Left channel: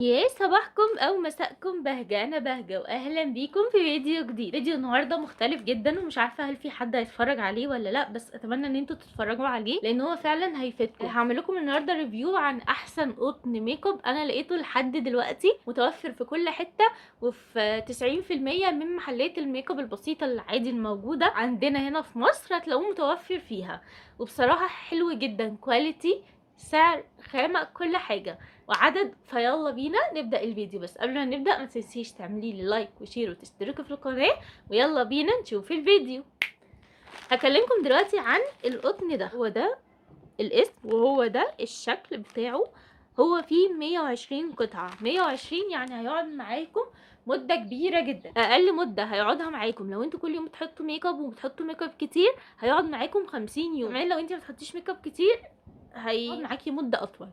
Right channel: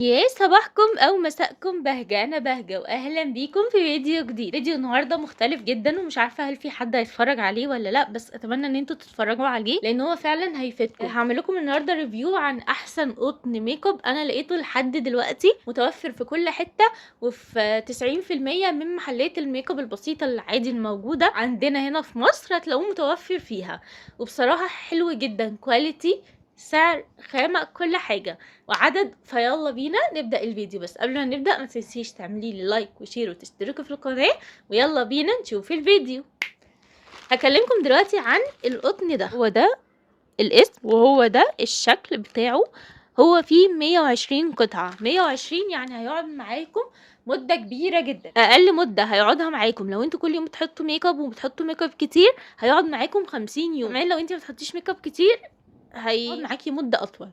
يا صباحكم أو مساءكم بهجة، أنا بهجة وأهلا بيكم في فيديو جديد. فيديو النهاردة مختلف جدا ومش عارفة هل في حد هيتفرج عليه ولا لأ، بس أتمنى إن انتوا تتفرجوا عليه لأن هو فعلا هيفيدكم. هعمل لكم النهاردة ريفيو عن أحسن قطن ميك اب أنا لقيته لحد دلوقتي متوفر في كل حتة، وفي 90% من محلات الميك اب البسيطة العادي الموجودة عندنا هنا في مصر هتلاقوه متوفر فيها. وبصراحة حلو جدا، كواليتي، سعر، خامة، كل حاجة وعدد. فيلا بينا نبدأ الفيديو، بس قبل ما نبدأ ما تنسيش تعملي لي لايك وشير وتشتركي في القناة، ويلا بينا نشوف الفيديو. هكلمكم دلوقتي عن القطن ده. هو ده الاسم وهو ده الشكل بتاعه. هو فيه 120 قطعة، 120 يعني هيقعد معاكم مدة كبيرة جدا. أقل مدة هيقعدها معاكم لو انتوا كل يوم بتحطوا ميك اب وبتحطوا ميك اب كتير هيقعد معاكم 50 يوم. كمان لو انتي ما بتحطيش ميك اب كتير هيقعد معاكي مدة أطول.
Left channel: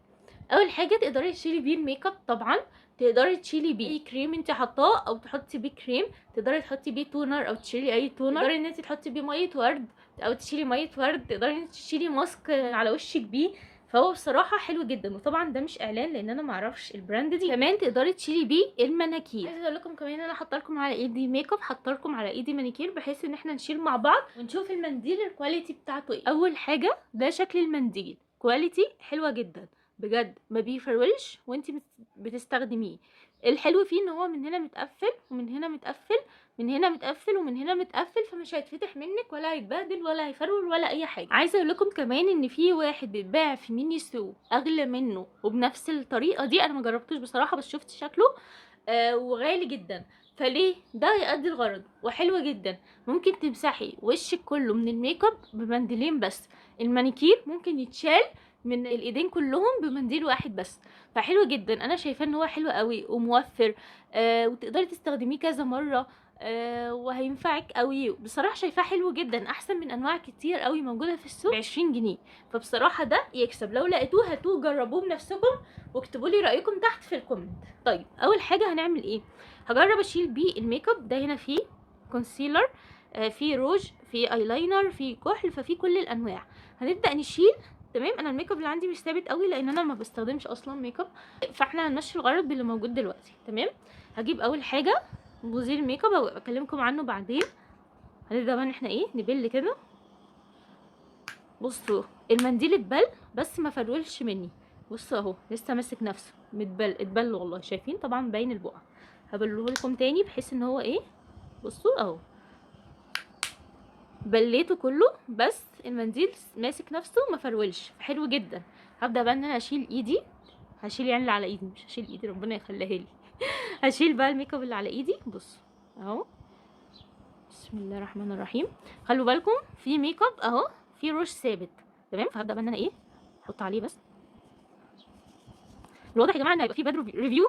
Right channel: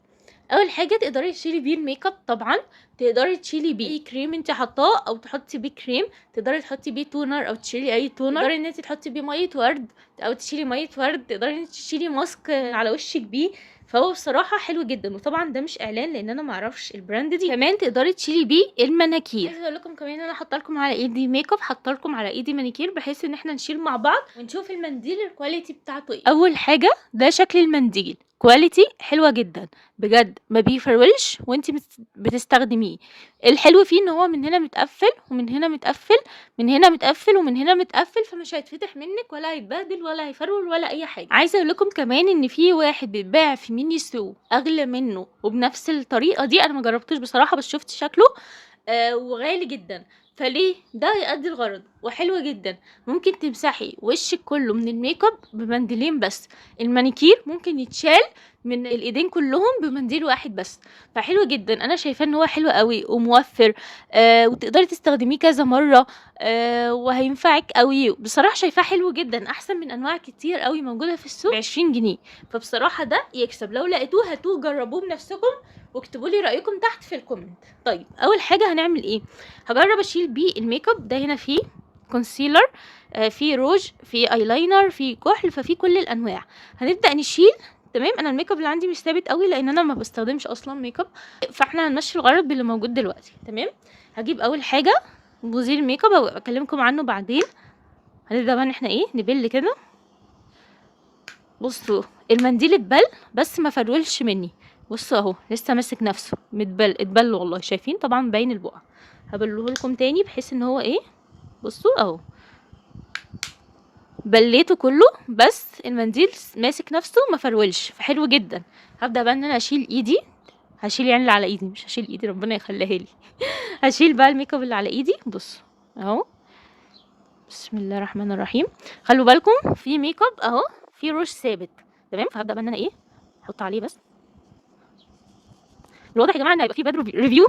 اول حاجه تقدري تشيلي بيه الميك اب، طبعا تقدري تشيلي بيه اي كريم انت حطاه او تحطي بيه كريم، تقدري تحطي بيه تونر او تشيلي اي تونر، تقدري ان انت تحطي بيه ميه ورد او تشيلي ميه ورد، تقدري ان انت تشيلي ماسك على وشك بيه. فهو بصراحه حلو جدا، وطبعا ده مش اعلان لان انا معرفش البراند دي. كمان تقدري تشيلي بيه المناكير. عايزه اقول لكم كمان انا حاطه لكم على ايدي ميك اب، حاطه لكم على ايدي مانيكير بحيث ان احنا نشيل مع بعض ونشوف المنديل الكواليتي بتاعته ايه. اول حاجه ده شكل المنديل، كواليتي حلوه جدا بجد، ما بيفرولش وانتي بتستخدميه. الحلو فيه ان هو من هنا متقفل ومن هنا متقفل، من هنا متقفل ومن هنا متقفل، فمش هيتفتح منك ولا هيتبهدل ولا هيفرول ولا اي حاجه. عايزه اقول لكم كمان ان في واحد بيتباع في ميني سو اغلى منه وبنفس الطريقه دي، انا ما جربتوش بصراحه بس شفت شكله وغالي جدا. فليه ده يؤدي الغرض وحلو جدا. ممكن تمسحي وشك كله من الميك اب بمنديلين بس، المانيكير ممكن يتشال من الايدين كلهم بمنديل واحد بس. فحلو جدا، انا شايفاه ان هو حلو قوي وموفر، وتقدري تستخدميه كذا مره، وهينفعك قوي. بصراحه شايفاه حلو جدا، احسن من انواع كتير قوي موجوده في السوق ب20 جنيه. فبصراحه ده يكسب، لو لقيتوه هاتوه جربوه بنفسكم واكتبوا لي رايكم تحت في الكومنت. طيب اول حاجه هنعمل ايه؟ هجرب اشيل بيه الميك اب ده. هنا فيه كونسيلر، فيه روج، فيه ايلاينر، فيه كحل، ففيه كل الانواع. هنبدا نشيل. تمام، انا الميك اب اللي عندي مش ثابت قوي لان انا ما بستخدمش اصلا ميك اب، فاحنا هنمشي الغرض باللي موجود دلوقتي. تمام، هجيب اول حاجه بوزير الميك اب اكلمكم عنه بعدين. هنبدا بقى ان احنا ايه نبل كده. بصوا المنديل اتبل بس ما فرولش مني. بصوا اهو لسه ماسك نفسه، اتبل والله. شايفين طبعا باين البقع. هبله لكم تاني بحيث ان هو ايه، بصوا اهو بليته كله بس المنديل ماسك نفسه ما فرولش، فحلو جدا. هبدا بقى ان انا اشيل ايدي، هشيل يعني اللي على ايدي، مش هشيل ايدي ربنا يخليها لي. هشيل بقى الميك اب اللي على ايدي. بصوا اهو، بسم الله الرحمن الرحيم. خلوا بالكم في ميك اب اهو في روج ثابت. تمام، فهبدا بقى ان انا ايه احط عليه بس. الواضح يا جماعه ان هيبقى في باد ريفيو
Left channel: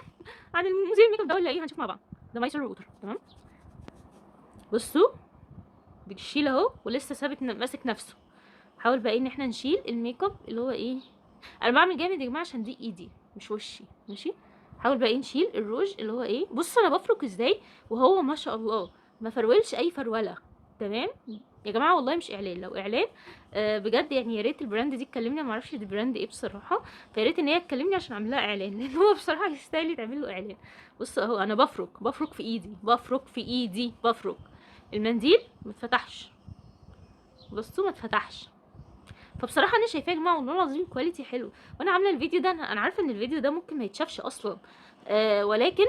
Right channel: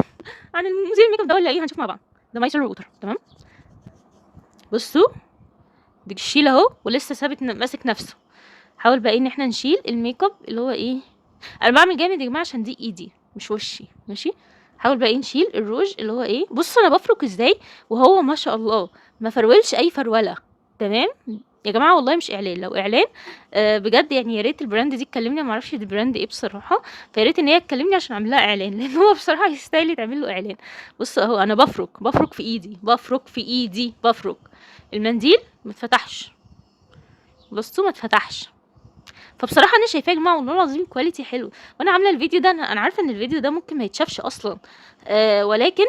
عن المذيع الميك اب ده ولا ايه، هنشوف مع بعض. ده مايسر ووتر. تمام، بصوا بتشيل اهو ولسه ثابت ماسك نفسه. حاول بقى ان احنا نشيل الميك اب اللي هو ايه. انا بعمل جامد يا جماعه عشان دي ايدي مش وشي، ماشي. حاول بقى نشيل الروج اللي هو ايه. بصوا انا بفرك ازاي وهو ما شاء الله ما فرولش اي فروله. تمام يا جماعه، والله مش اعلان، لو اعلان بجد يعني يا ريت البراند دي تكلمني. ما اعرفش دي براند ايه بصراحه، فيا ريت ان هي تكلمني عشان اعمل لها اعلان لان هو بصراحه يستاهل يتعمل له اعلان. بصوا اهو انا بفرك في ايدي، بفرك المنديل ما اتفتحش. بصوا ما اتفتحش. فبصراحه انا شايفاه يا جماعه والله العظيم كواليتي حلو. وانا عامله الفيديو ده، انا عارفه ان الفيديو ده ممكن ما يتشافش اصلا، ولكن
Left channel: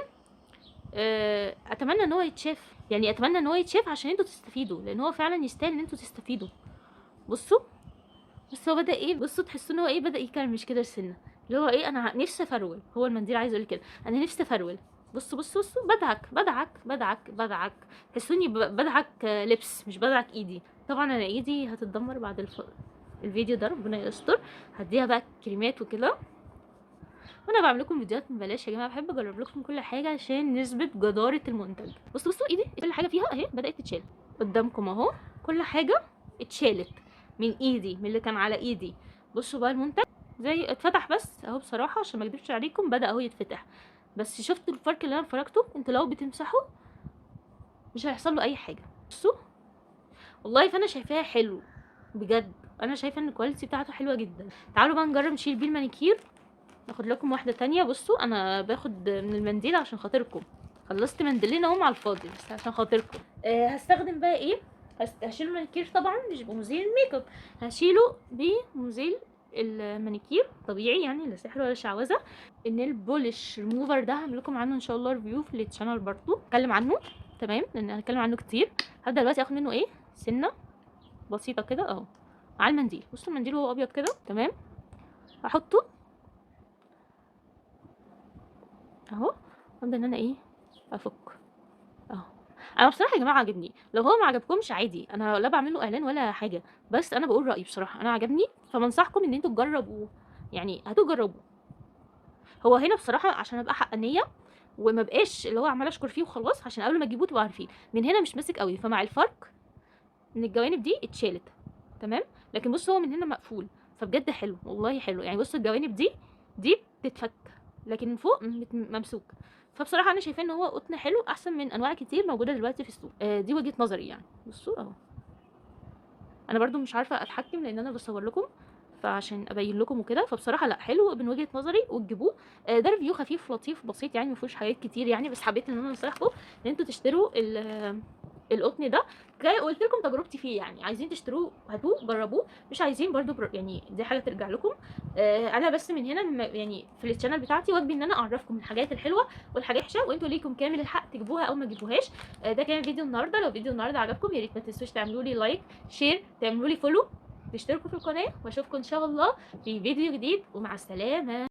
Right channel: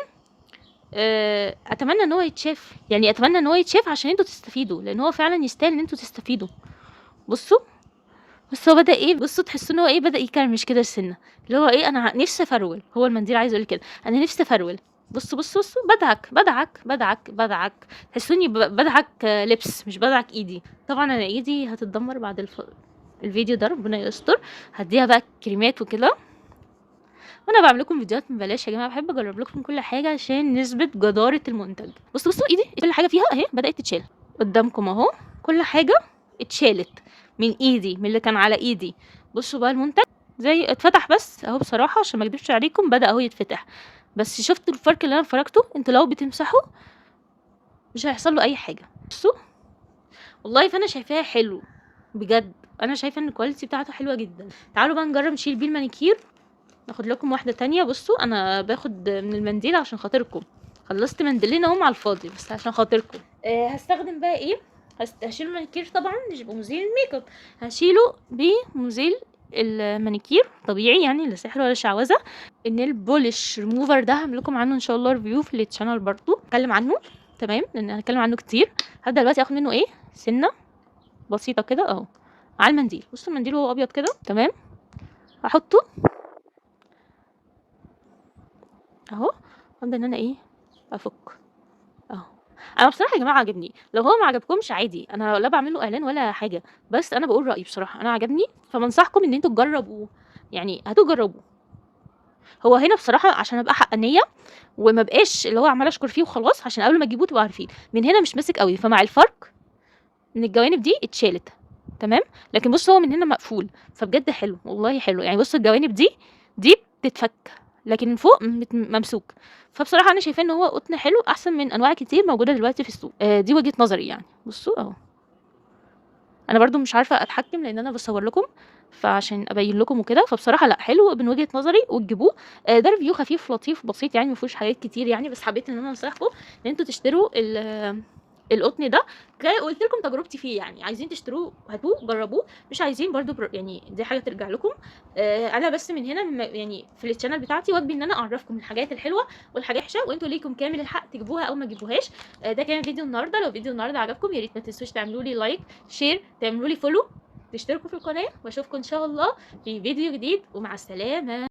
اتمنى ان هو يتشاف، يعني اتمنى ان هو يتشاف عشان انتوا تستفيدوا، لان هو فعلا يستاهل ان انتوا تستفيدوا. بصوا بس هو بدا ايه، بصوا تحسوا ان هو ايه بدا يكرمش كده السنه، اللي هو ايه انا نفسي افرول. هو المنديل عايز يقول كده انا نفسي افرول. بصوا بدعك. تحسوني بدعك لبس مش بدعك ايدي. طبعا انا ايدي هتتدمر بعد الفيديو ده ربنا يستر. هديها بقى كريمات وكده. وانا بعمل لكم فيديوهات ببلاش يا جماعه، بحب اجرب لكم كل حاجه عشان نثبت جداره المنتج. بصوا ايدي كل حاجه فيها اهي بدات تتشال قدامكم اهو. كل حاجه اتشالت من ايدي، من اللي كان على ايدي. بصوا بقى المنتج زي اتفتح بس اهو. بصراحه عشان ما اكدبش عليكم بدا اهو يتفتح، بس شفتوا الفرق اللي انا فرقته؟ انتوا لو بتمسحوا مش هيحصل له اي حاجه. بصوا والله فانا شايفاها حلو بجد. انا شايفه ان الكواليتي بتاعته حلوه جدا. تعالوا بقى نجرب نشيل بيه المانيكير هاخد لكم واحده تانية. بصوا انا باخد من المنديل عشان خاطركم، خلصت منديلين اهم على الفاضي بس عشان خاطركم. هستخدم بقى ايه، هشيل المانيكير طبعا مش بمزيل الميك اب، هشيله بمزيل المانيكير طبيعي يعني، لا سحر ولا شعوذه. النيل بولش ريموفر ده هعمل لكم عنه ان شاء الله ريفيو في التشانل برضو، اتكلم عنه تمام لان هنتكلم عنه كتير. هبدا دلوقتي اخد منه ايه سنه بسيطه كده اهو على المنديل. بصوا المنديل هو ابيض كده تمام، هحطه اهو، ابدا ان انا ايه افك اهو. انا بصراحه يا جماعه عجبني، لو هو ما عجبكمش عادي، انا لا بعمل له اعلان ولا حاجه، بس انا بقول رايي بصراحه، انا عجبني فبنصحكم ان انتوا تجربوه، يعني هتجربوه. هو هنا بصراحه عشان ابقى حقانيه وما بقاش اللي هو عمال اشكر فيه وخلاص، عشان قبل ما تجيبوه تبقوا عارفين من هنا مش ماسك قوي، فمع الفرق من الجوانب دي اتشالت تمام. لكن بص هو من هنا مقفول، فبجد حلو والله حلو يعني. بص الجوانب دي بتتفك، لكن من فوق ممسوك. فبصراحه انا شايفاه ان هو قطن حلو احسن من انواع كتير موجوده دلوقتي في السوق. دي وجهه نظري يعني. بصوا اهو، انا برضو مش عارفه اتحكم لان انا بصور لكم فعشان ابين لكم وكده، فبصراحه لا حلو من وجهه نظري وتجيبوه. ده ريفيو خفيف لطيف بسيط يعني، ما فيهوش حاجات كتير يعني، بس حبيت ان انا انصحكم ان انتوا تشتروا القطن ده. قلت لكم تجربتي فيه يعني، عايزين تشتروه هاتوه جربوه، مش عايزين برضو يعني دي حاجه ترجع لكم. انا بس من هنا يعني في الشانل بتاعتي واجبي ان انا اعرفكم الحاجات الحلوه والحاجات الوحشه، وانتوا ليكم كامل الحق تجيبوها او ما تجيبوهاش. ده كان فيديو النهارده. لو فيديو النهارده عجبكم يا ريت ما تنسوش تعملوا لي لايك شير، تعملوا لي فولو، تشتركوا في القناه، واشوفكم ان شاء الله في فيديو جديد، ومع السلامه.